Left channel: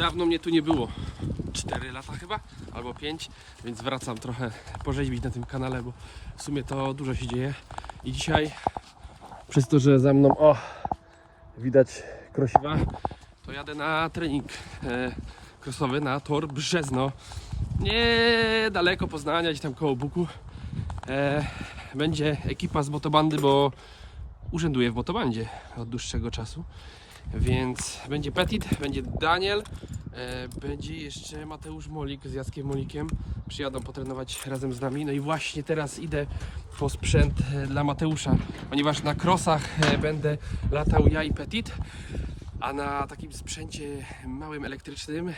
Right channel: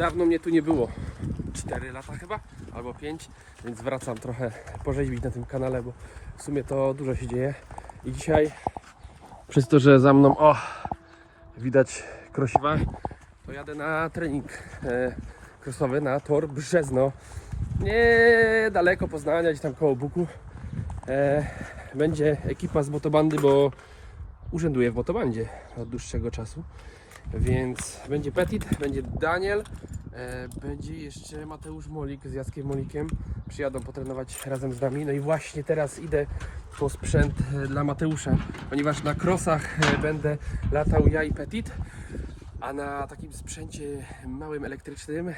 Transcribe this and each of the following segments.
Dawno mnie tu nie było. 4 lata chyba, albo 5, więc wracam trochę porzeźbić na tym kanale, bo w sumie to dużo się dzieje. I dzisiaj, przez to, że za mną, o, widać krosiwa, to jadę na trening e, krosowy na tor Brzezno. Niedaleko Poznania, gdzieś tam koło Buku. E, będzie ekipa z motobandy, bo urzęduję w motobandzie od dłuższego czasu. Więc będzie Petit, będzie Daniel, e, będzie jeszcze Mateusz Molik z Jackiem Molikiem. Przyjadą potrenować razem z nami. No i właśnie teraz idę po sprzęt e, dla Mateusza, ponieważ na krosach e, będę latał ja i Petit. A na takim sprzęcie małym elektrycznym,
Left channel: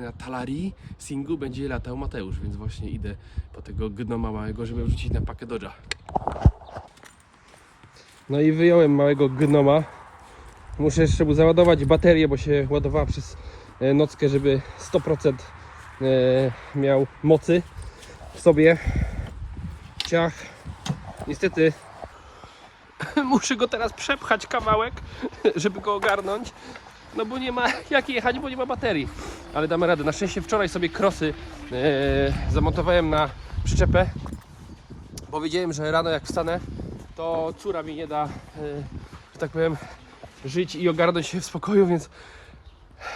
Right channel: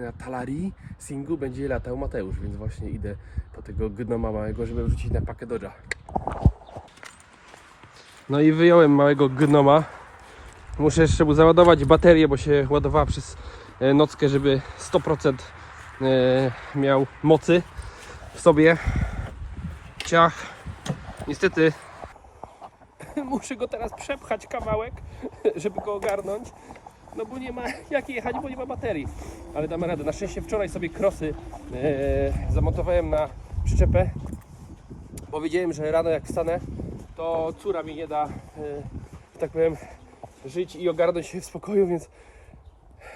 na Talari Singu będzie latał Mateusz, więc właśnie idę po tego gnoma małego, żeby wrzucić na pakę Dodge'a. No i wyjąłem małego gnoma. Muszę jeszcze mu załadować baterię, bo się ładowała przez e, nockę, żeby 100% e, miał mocy w sobie. Ciach. Niestety muszę go teraz przepchać kawałek, żeby go ogarnąć. No bo nie ma jak jechać, bo nie ma baterii. Ale damy radę. Na szczęście wczoraj sobie krosy e, zamontowałem na przyczepę, bo wiedziałem, że rano jak wstanę, to córa mi nie da, że tak powiem, żyć i ogarnąć się w spokoju, więc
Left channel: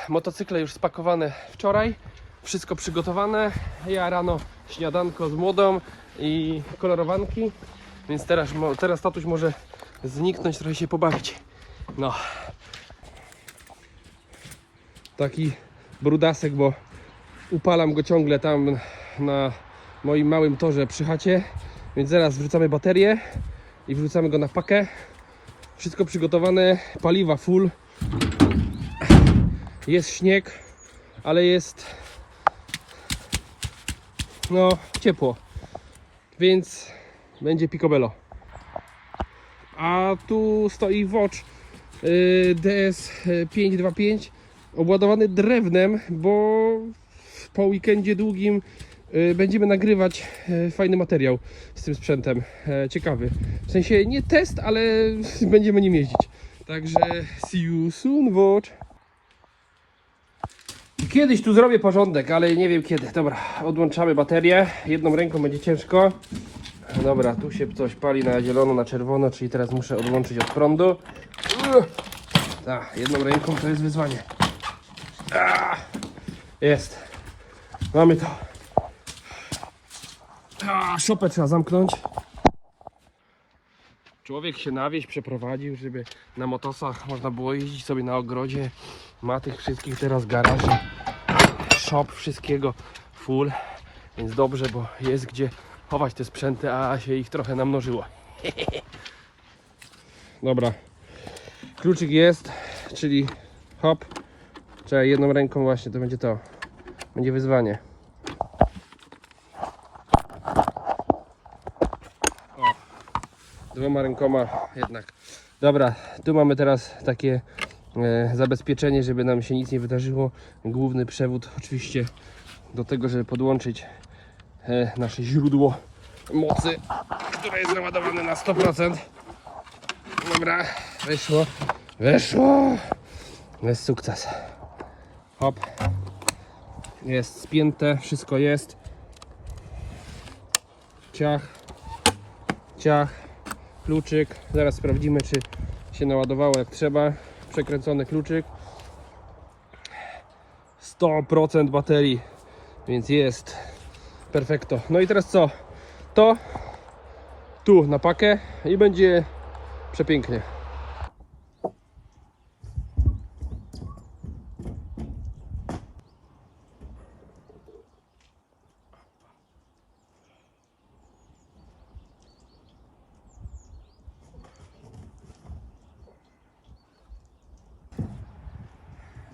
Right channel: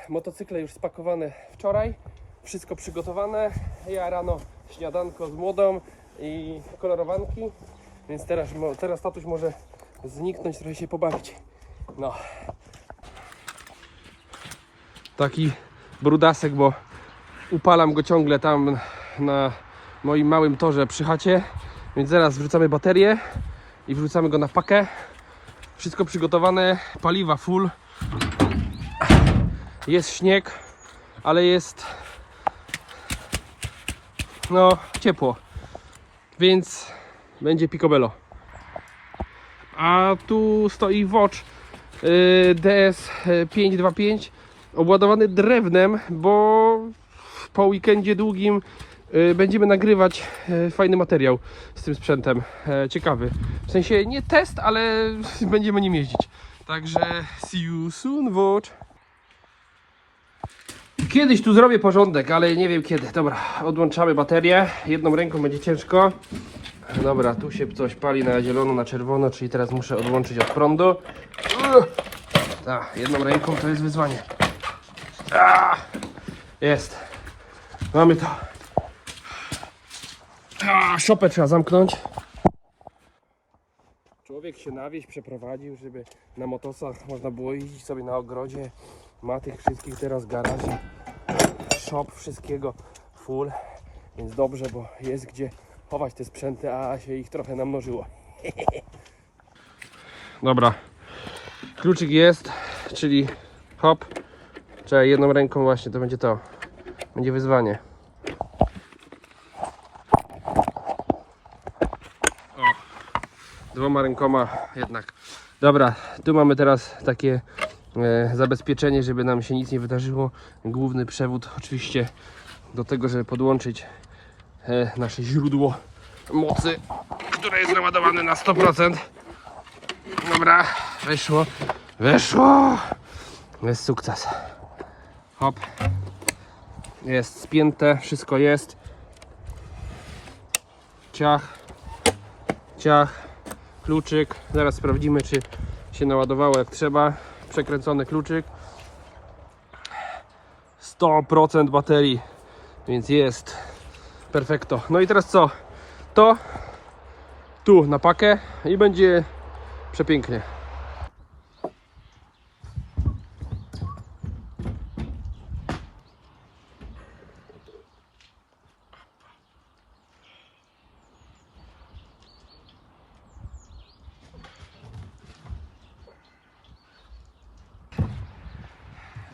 motocykle już spakowane wczoraj, wszystko przygotowane. Ja rano śniadanko z młodą i kolorowanki, więc teraz, teraz tatuś może zniknąć, trochę się pobawić. No. Taki brudasek, bo upalam go ciągle tam na moim małym torze przy chacie, więc zaraz wrzucamy baterię i wrzucamy go na pakę. Wszystko przygotowane, paliwa full. Jest śnieg, ale jest no ciepło. Więc będzie picobello. A tu stoi Watch y, DS525 obładowany drewnem, bo po weekendzie długim będziemy nagrywać y, fajny materiał z tym sprzętem. E, Ciekawy. W sensie nie test, ale będziemy nim jeździć. Także see you soon, Watch. Kiedyś tu zrobię porządek, ale nie wiem kiedy. Dobra, odłączamy baterię. Jedną ręką będzie ciężko. Dobra, tu się coś pali na zielono, na czerwono, czyli teraz muszę odłączyć od prądu. Tak, jedną ręką to jest wyzwanie. A, jest. Mamy to. A, szopę trzeba zamknąć. Człowiek się na wieś przeprowadził, żeby na motosach można było jeździć sobie na ogrodzie. Ma tych wszystkich teraz garaży, shop, wszystkiego full. Więc dobrze, bo jest gdzie chować te sprzęty, a się ich trochę namnożyło. Dobra. Kluczyk jest, czyli hop. Trzeba jedną ręką właśnie, to będzie to. Będzie wyzwanie. Dwoma rękoma jednak. Dobra, tu mamy teraz takie e, zabezpieczenie, żeby nam się nic nie wydarzyło. Główny przewód oczywiście do tego, żeby podłączyć e, nasze źródło mocy, które jest naładowane na 100%. Dobra, wyszło, wyszło. Jest sukces. Hop. Jest spięte, wszystko jest. Ciach, ciach, kluczyk. Zaraz sprawdzimy, czy się naładowało jak trzeba. Przekręcony kluczyk. 100% baterii, więc jest perfekto. No i teraz co? To tu na pakę i będzie przepięknie.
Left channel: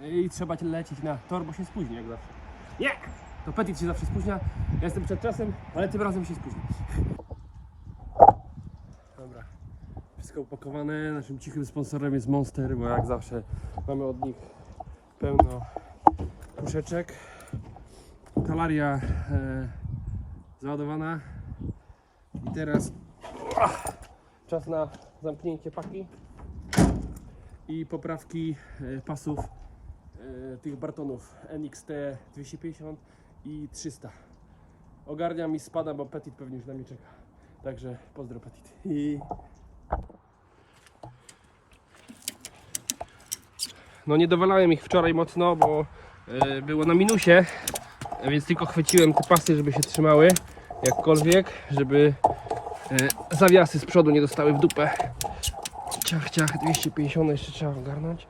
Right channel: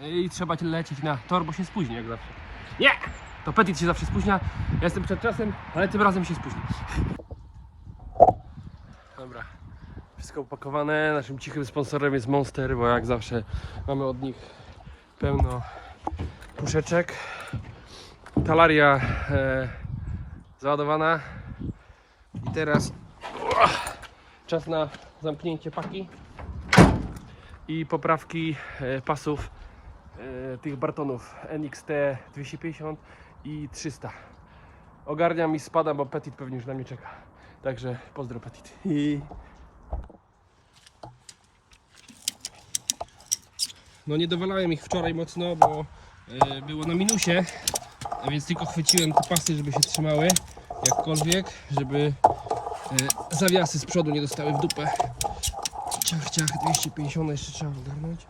I trzeba lecieć na tor, bo się spóźni jak zawsze. Nie! To Petit się zawsze spóźnia. Ja jestem przed czasem, ale tym razem się spóźni. Dobra. Wszystko upakowane. Naszym cichym sponsorem jest Monster, bo jak zawsze mamy od nich pełno puszeczek. Talaria e, załadowana. I teraz czas na zamknięcie paki i poprawki e, pasów tych Bartonów NXT 250 i 300. Ogarniam i spadam, bo Petit pewnie już na mnie czeka. Także pozdro Petit. I... No nie dowalałem ich wczoraj mocno, bo e, było na minusie, więc tylko chwyciłem te pasy, żeby się trzymały jakkolwiek, żeby e, zawiasy z przodu nie dostały w dupę. Ciach, ciach, 250 jeszcze trzeba ogarnąć.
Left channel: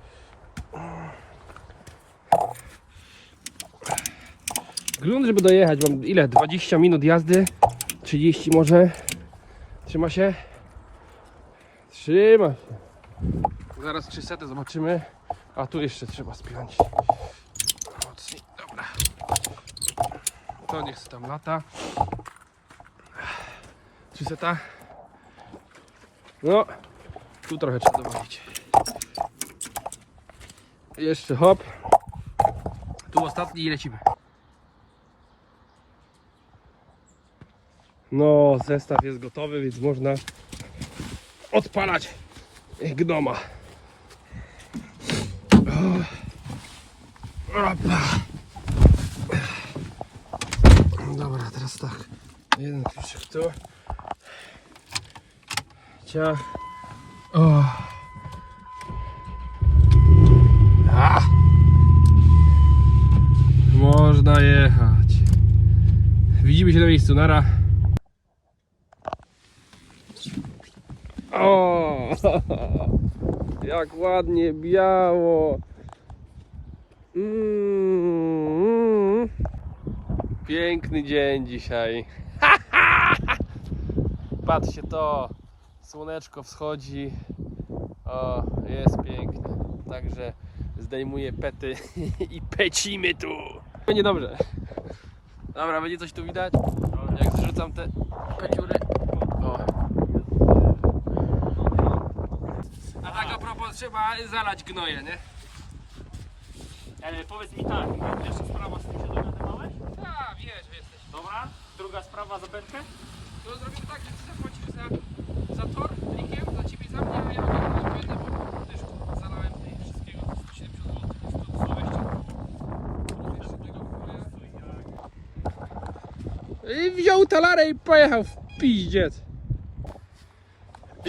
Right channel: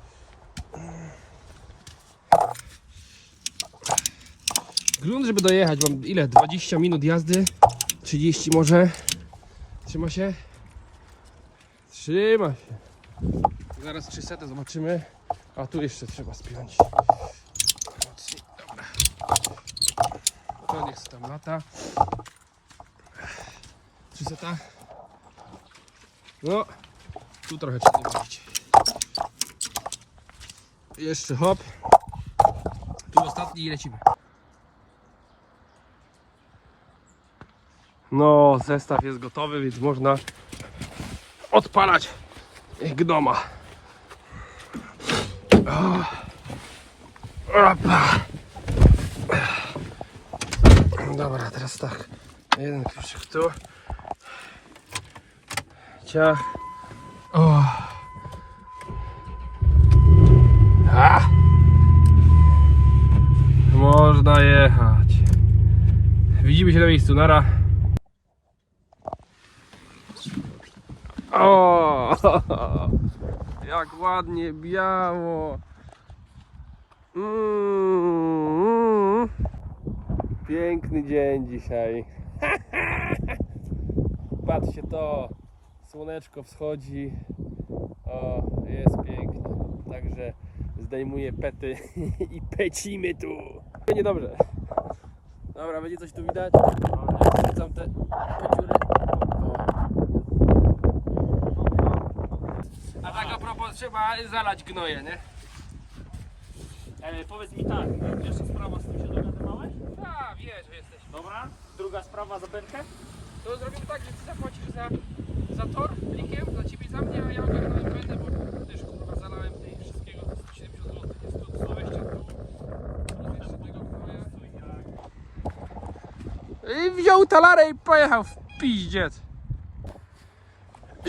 Grunt, żeby dojechać, mam ile? 20 minut jazdy? 30 może? Trzyma się? Trzyma się. Zaraz 300 zobaczymy. A tu jeszcze trzeba spiąć. Dobra. To niech tam lata. 300. No, tu trochę trzeba dowalić. Jeszcze hop. Tu ostatni i lecimy. No, zestaw jest gotowy, więc można odpalać gnoma. Dobra, teraz tak. Jeden kluczyk tu. Ciach. Można jechać. Widzimy się na miejscu, nara. O, jak ładnie biało. Mm, piękny dzień dzisiaj. Patrzcie to. Słoneczko wschodzi. O, jest pięknie. Także zdejmuję pety i pecimy tu. Będzie dobrze. Dobra, będzie coś tu widać. Jak zrzucam te peciury. O. A tak propos trzeba zalać gnoje, nie? E, powiedz mi tak, pierwsza sprawa z tym się dogadywałeś? A, wiesz, że jesteś. Dobra. Druga sprawa za belkę? To zrobimy tak, że ty zapłacisz za, za tor plikiem, za ciebie i za mnie, a ja ogarnę będę, bo też kurwa zalałem tej wszystkiego 170 zł, jest to 120. Jeszcze tego gnoja. I wziął talarę i pojechał w pizdziec.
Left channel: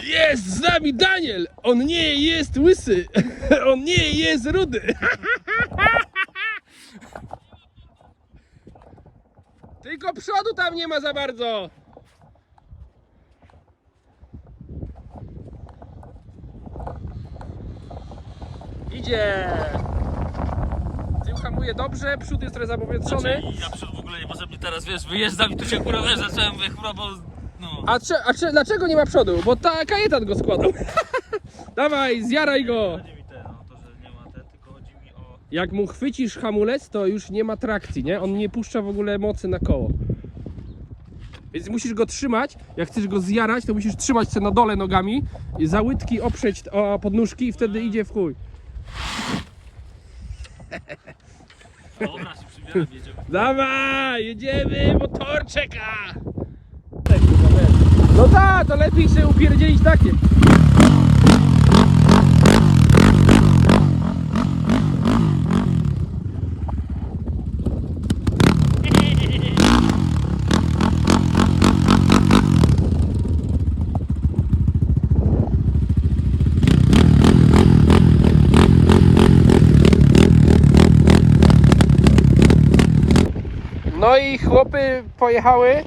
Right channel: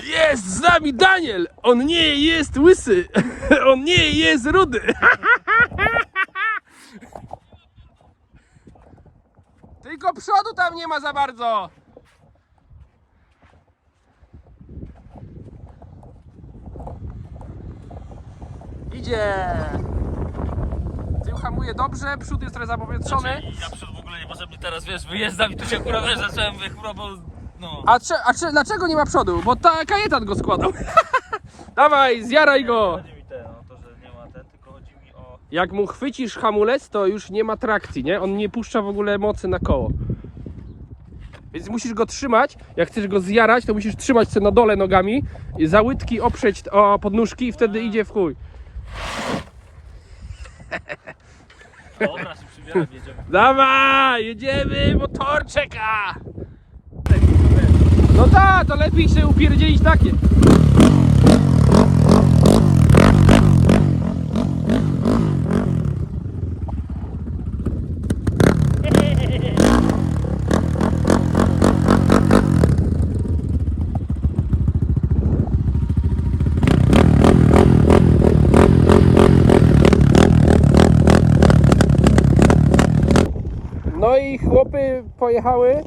Jest z nami Daniel! On nie jest łysy! On nie jest rudy! Tylko przodu tam nie ma za bardzo! Idzie! Tył hamuje dobrze, przód jest trochę zapowietrzony. Znaczy, ja przed w ogóle niepotrzebnie teraz wiesz, wyjeżdżam i tu się kurwa wiesz, zacząłem kurwa, no. A, cze, a cze, dlaczego nie ma przodu? Bo ta kajetan go składał. Dawaj, zjaraj go! Chodzi mi te, no to, że nie ma te, tylko chodzi mi o... Jak mu chwycisz hamulec, to już nie ma trakcji, nie? On nie puszcza w ogóle mocy na koło. Więc musisz go trzymać. Jak chcesz go zjarać, to musisz trzymać się na dole nogami, i za łydki oprzeć o podnóżki i wtedy idzie w chuj. Dobra, się przybieram, jedziemy. Dawaj, jedziemy, motor czeka! To lepiej się upierdzielić takie. No i chłopy pojechały,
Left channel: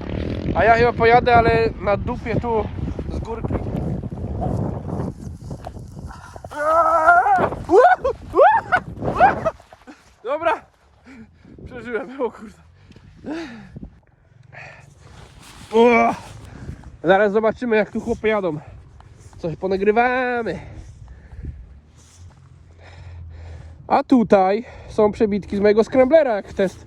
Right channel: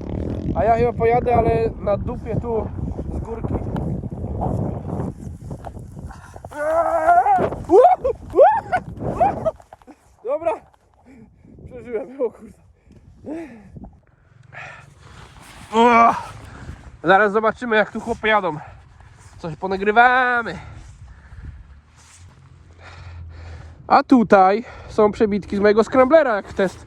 a ja chyba pojadę, ale na dupie tu z górki. Dobra, przeżyłem, o kurde. Zaraz zobaczymy jak tu chłopy jadą. Coś ponagrywamy. A tutaj są przebitki z mojego scramblera, jak test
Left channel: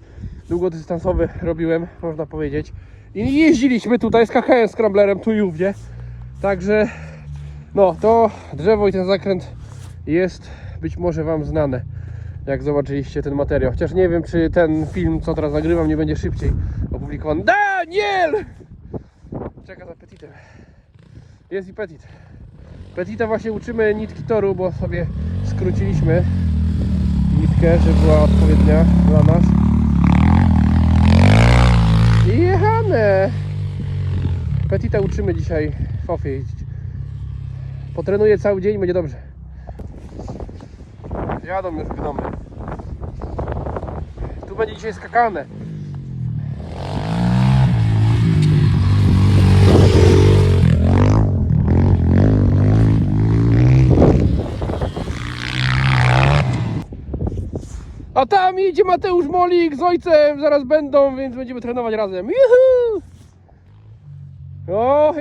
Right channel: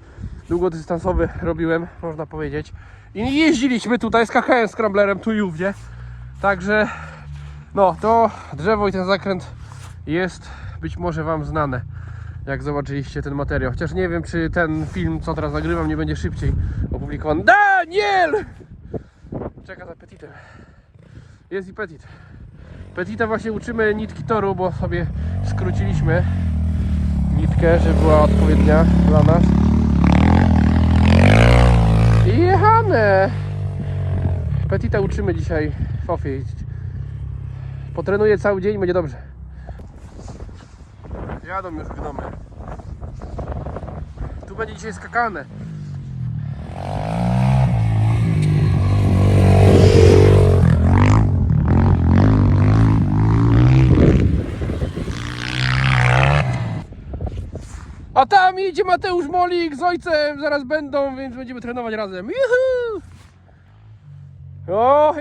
długodystansowy robiłem, można powiedzieć. I jeździliśmy tutaj z KHM scramblerem tu i ówdzie. Także no to drzewo i ten zakręt jest być może Wam znane. Jak zobaczyliście ten materiał. Chociaż nie wiem, czy ten film, co teraz nagrywam, nie będzie szybciej opublikowany. Daniel! Czeka za Petitem. Jest i Petit. Petita właśnie uczymy nitki toru, bo sobie skróciliśmy nitkę. żeby była odpowiednia dla nas. I jechamy! Petita uczymy dzisiaj w Ofie jeździć. Potrenuję cały dzień, będzie dobrze. Jadą już gnomy. Tu będzie dzisiaj skakane. A tam idzie Mateusz Molik z ojcem, zaraz będą, więc będziemy trenować razem. Juhu!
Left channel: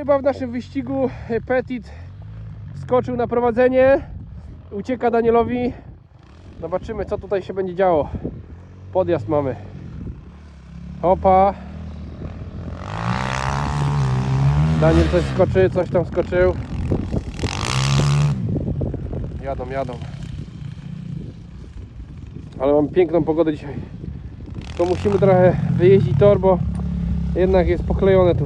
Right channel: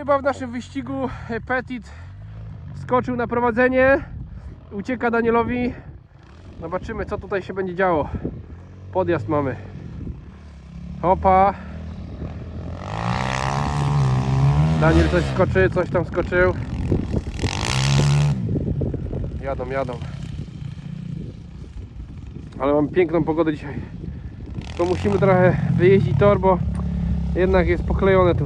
Chyba w naszym wyścigu Petit skoczył na prowadzenie. Ucieka Danielowi. Zobaczymy, co tutaj się będzie działo. Podjazd mamy. Hopa. Daniel coś skoczy, coś tam skoczył. Jadą, jadą. Ale mam piękną pogodę dzisiaj. To musimy trochę wyjeździć tor, bo jednak jest poklejone tu.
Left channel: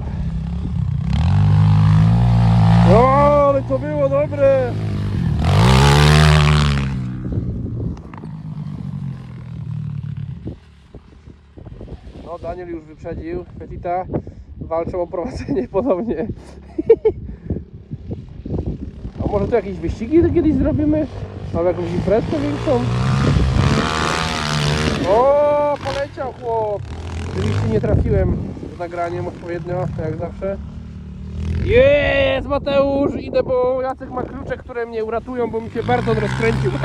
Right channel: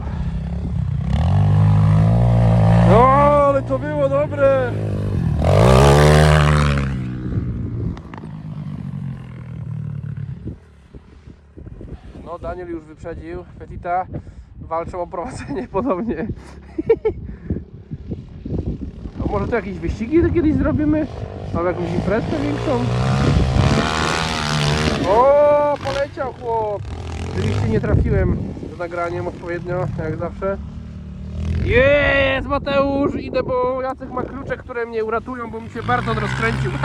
No, ale to było dobre! No, Daniel już wyprzedził. Petita walczą o prowadzenie podobnie. A może tu jakieś wyścigi kiedyś zrobimy? Mam jakąś imprezę większą? O, poleciał chłop! Oczywiście nie trafiłem z nagraniem odpowiednio, jak zawsze. Jest Mateusz! Idę, bo Jacek ma klucze, które mnie uratują, bo mi się bardzo rozkręcił.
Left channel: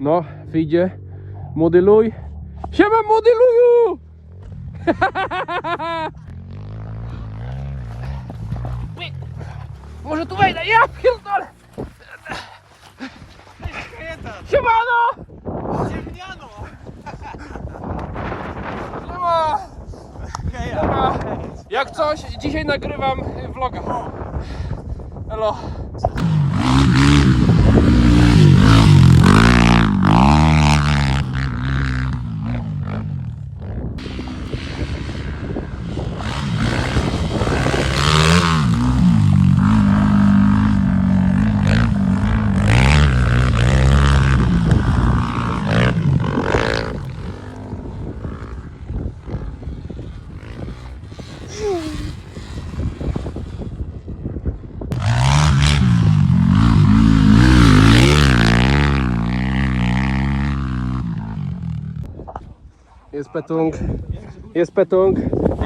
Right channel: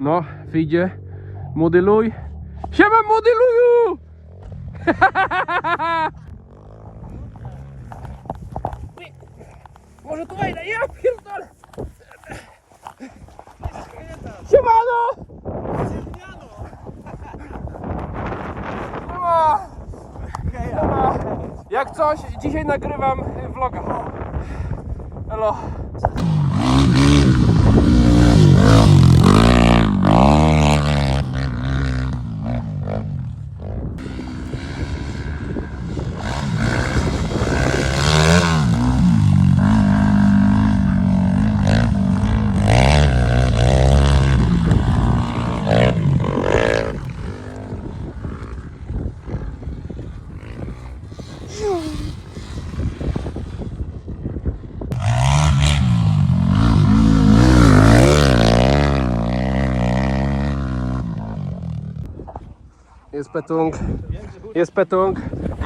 No, wyjdzie. Modeluj. Siema modeluju! Może tu wejdę, ja pierdolę! Siemano! Siemano! Jak coś, dzisiaj nagrywam y, vloga. Hello. Jest Petung. Jest Petung.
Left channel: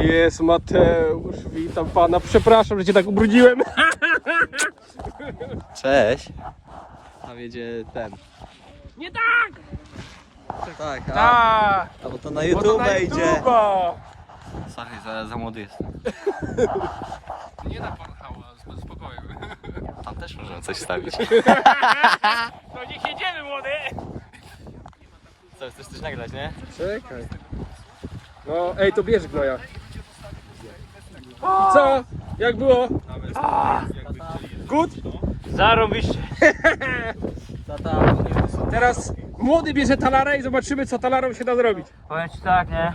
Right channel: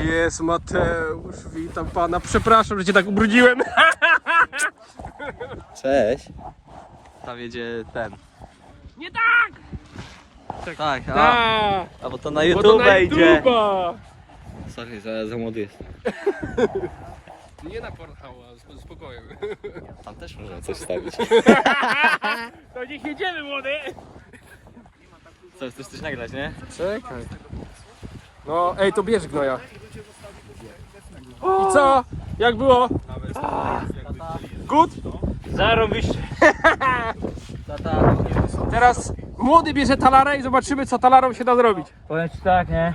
Jest Mateusz. Witam pana. Przepraszam, że cię tak ubrudziłem. Cześć. Tam jedzie ten. Nie tak! Tak, a, Tak! a bo to na Bo YouTube na idzie. YouTube'a. Sorry, za, za młody jestem. Nie na Pornhub'a, z spokojem. Tam też możemy coś stawić. To niech jedziemy, młody! Co, chcesz coś nagrać, nie? Czekaj. No, ej, to bierz gnoja. I co? Jak było? Good? Zarobiście. Teraz młody bierze talarę i zobaczymy, co talarą się da zrobić. Powiem ci tak, nie?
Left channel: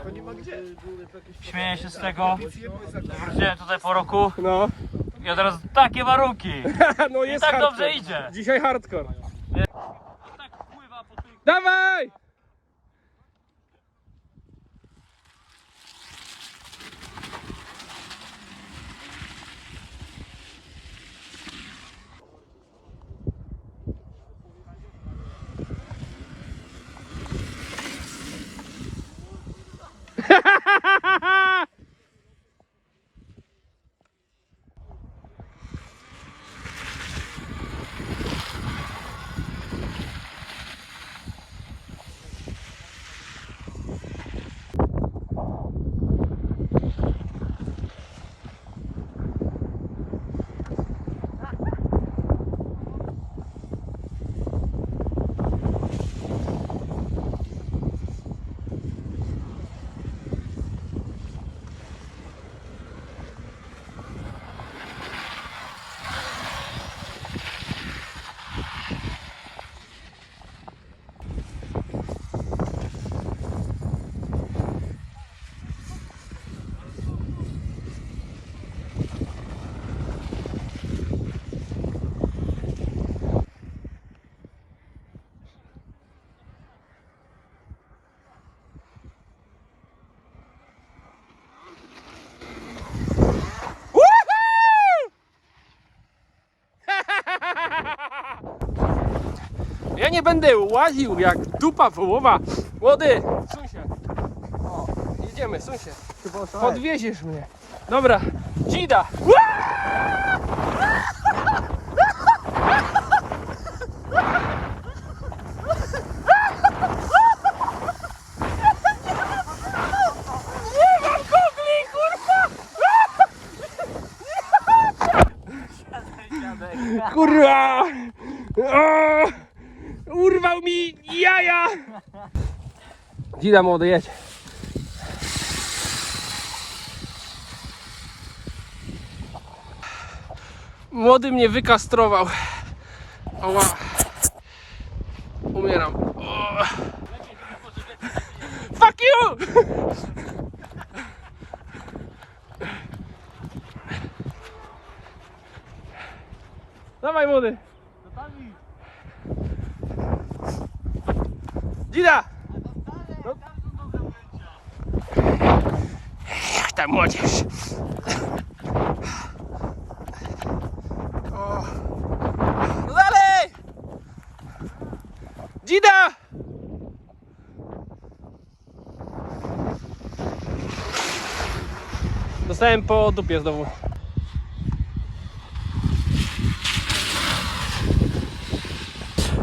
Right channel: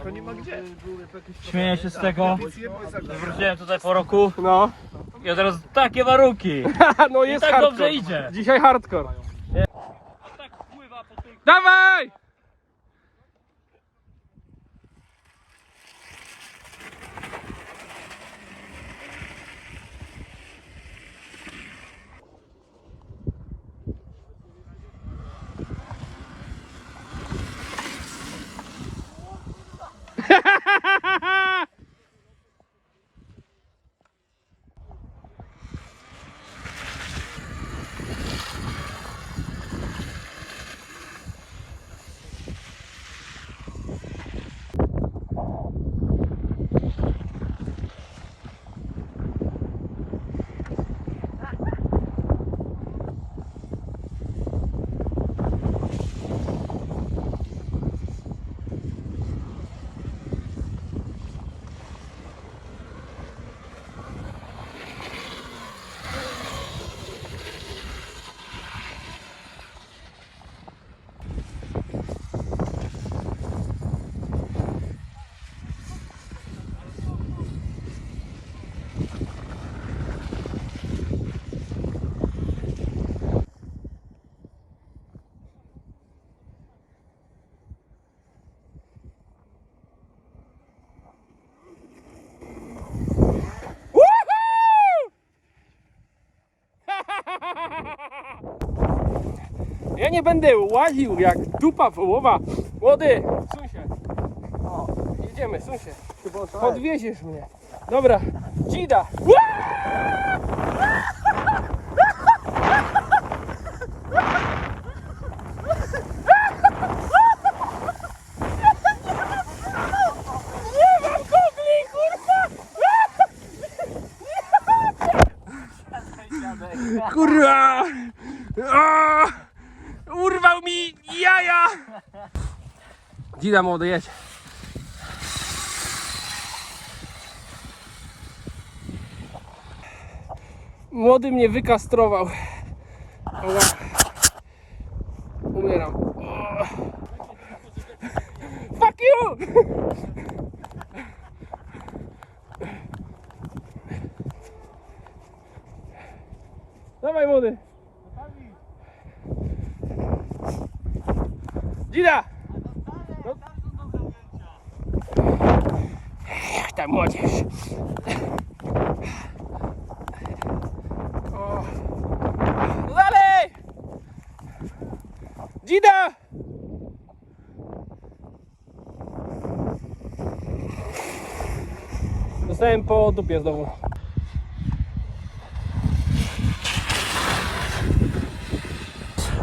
Śmieję się z tego. Wróciłem tutaj po roku No, i od razu takie warunki. no I jest tak hardcore. dobrze idzie. Dzisiaj hardcore. Tak. Dawaj! Ja nie będę łaził jak dupa wołowa. Młody, suń się. O, jedziemy, suń. Podwieziesz mnie. Dobra, dzida. O! Urwał mi jaja! Dzida młody, jedź. Młody mnie wykastrował. Oła. Umieram. O. Fuck you! Dawaj młody. Dzida! No. Ech, ta młodzież. O. No Dalej! Dzida! Dostałem po dupie znowu.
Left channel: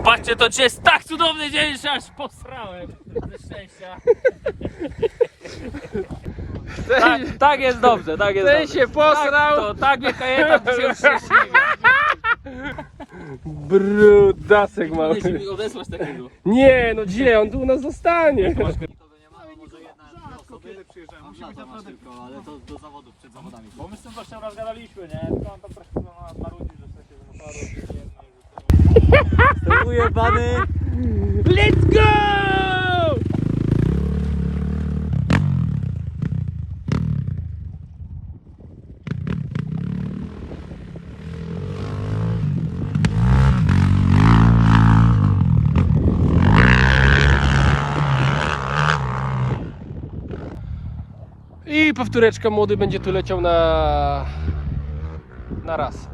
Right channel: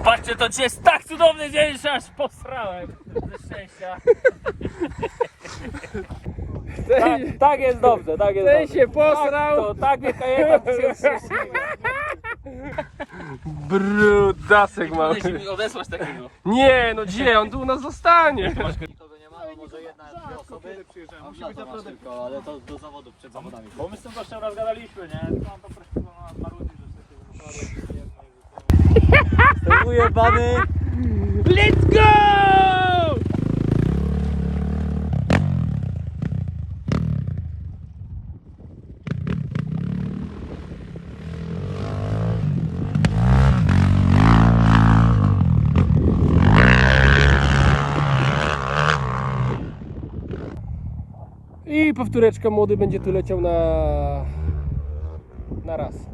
Patrzcie, to dzisiaj jest tak cudowny dzień, że aż posrałem ze szczęścia. Tak, tak jest dobrze, tak jest Ten dobrze. się posrał. Tak, to, tak mnie kobieta to się. Brudasek mały. Możesz mi odesłać takiego. Nie, no gdzie? On tu u nas zostanie. Nikogo nie ma, no może jedna, dwie osoby. Mam lata masz tylko, ale to do zawodów, przed zawodami. Bo my z tym gościem raz gadaliśmy, nie? To on po prostu na marudzi, że sobie ujebany. Let's go! I powtóreczka młody będzie tu leciał na na raz.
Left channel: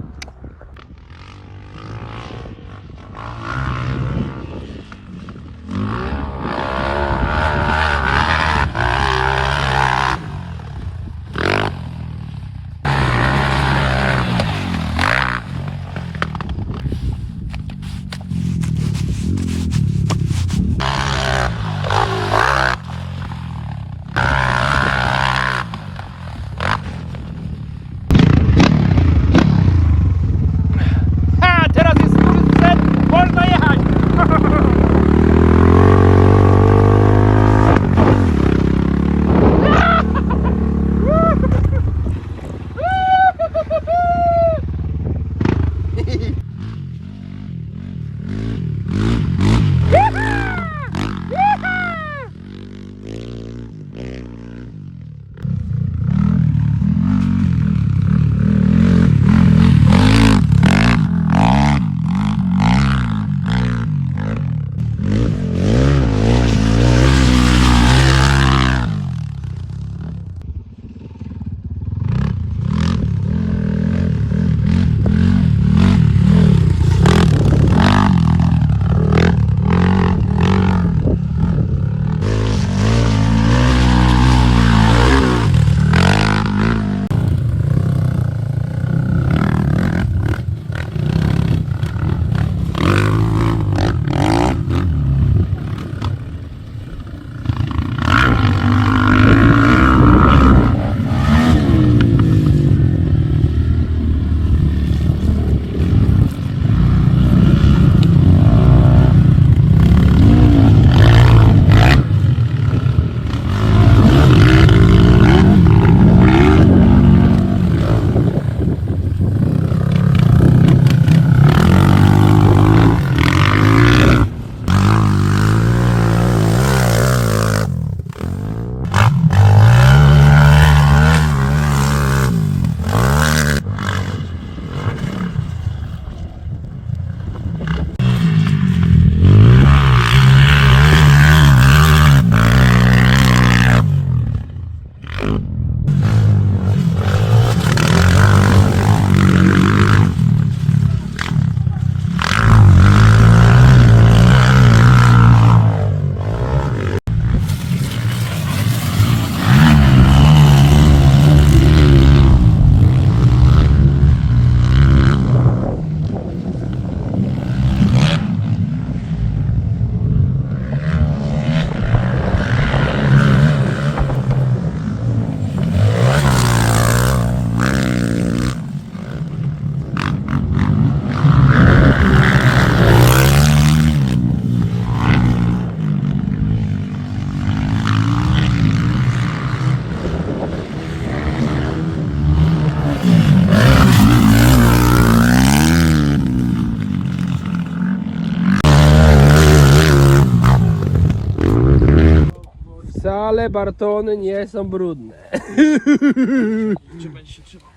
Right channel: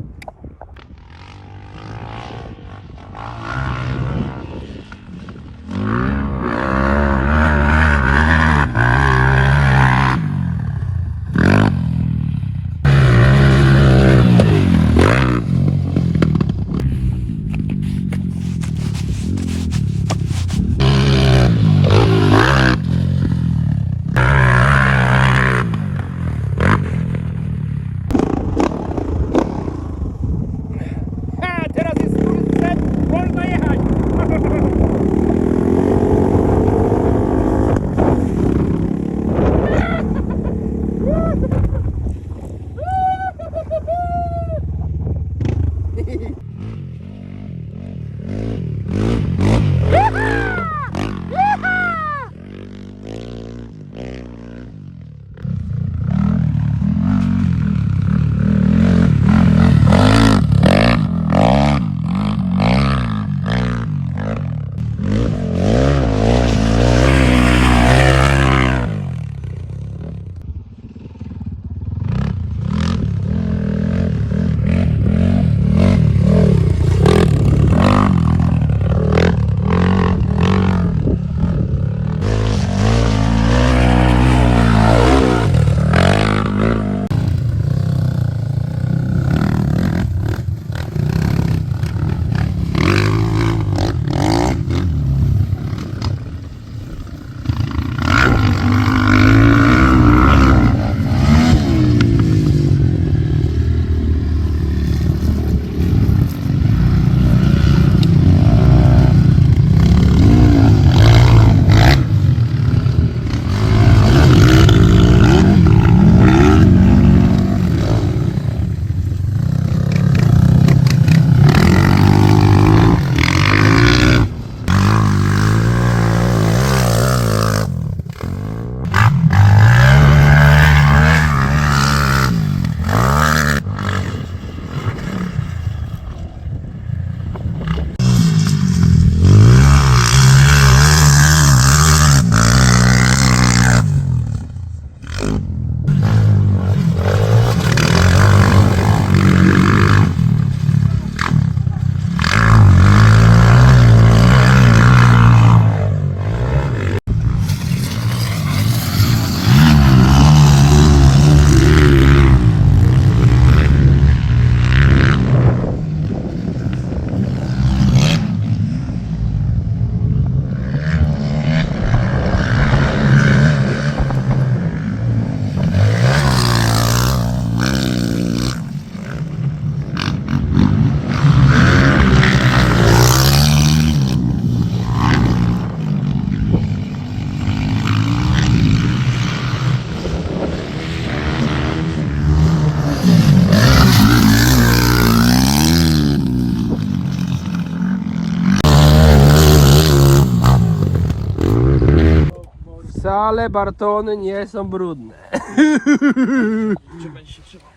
Ale Bartony nie są brudne. Czy będzie się trzymał?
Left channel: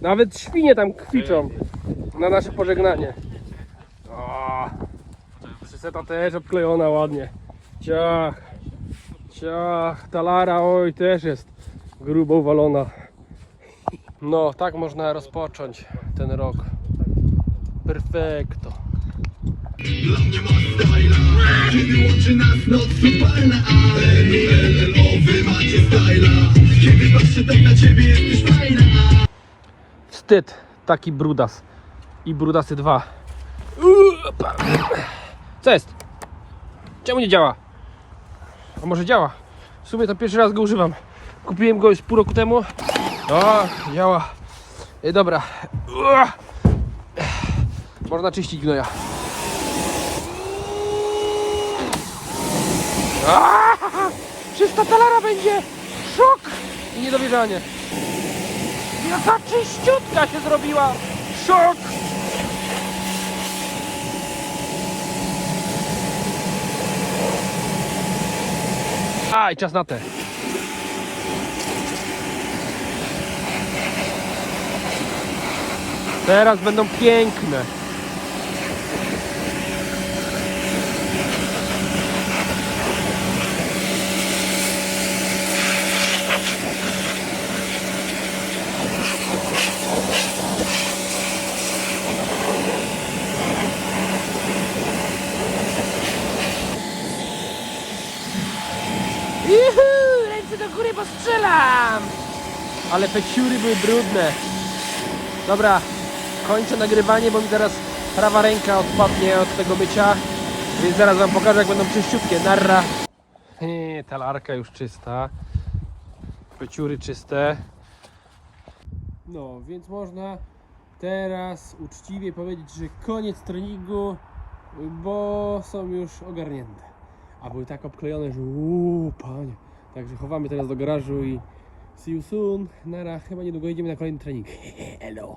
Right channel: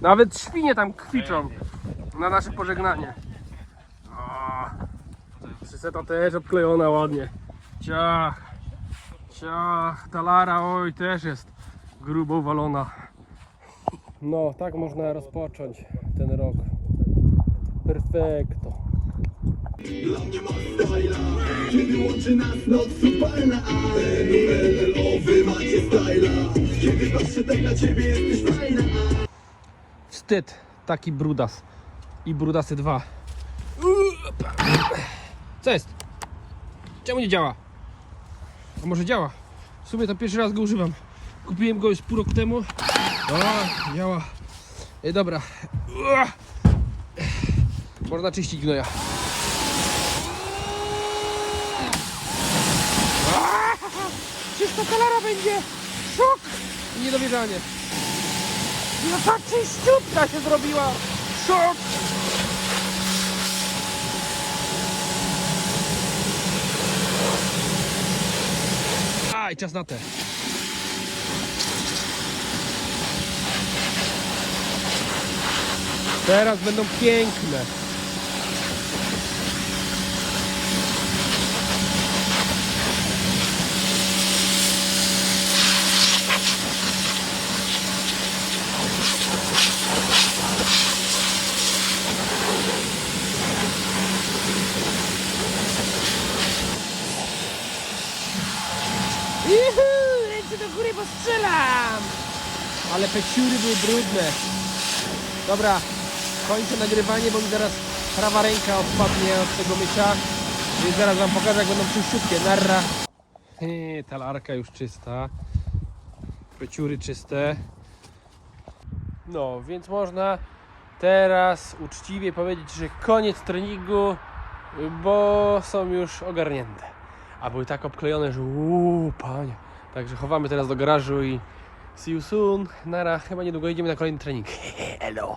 Nawet świnie tam kwiczą na nasze pożegnanie. O, Przyseta też obklejona ładnie. Ciach, ciach, talara, oj też jest grubo uwalona. No, tak można rozpocząć ten rok. Perfekto. Wstyd, taki brudas. I brudasy dwa. Co jest? Czemu nie działa? A może działa? W sumie to pierwszy raz go używam. Kupiłem go już pół roku temu. O, działa. E, dobra. Można czyścić gnoja. Aaa! Czysta talara będzie! Szok! Niedowierzanie. Jaka czyściutka się zrobiła! Szok! A, i czas na te. Teraz będą piękne. Juhu, lecę do góry, bo strzelam! Ale te siury były brudne. Dobra, kończę nagrywanie, bo mi zaraz prawa ręka odpadnie od tego bycia. Więc zaraz wam pokażę, jak będą czyściutkie. Narra. He, talarka już czysta. Pyciury czyste. No, więc można teraz uczciwie powiedzieć, że koniec treningu, bo są już ogarnięte. A były tak obklejone, że uuu, panie. Także chowamy teraz do garażu i see you soon. Nara, chyba niedługo idziemy na kolejny trening. Hello.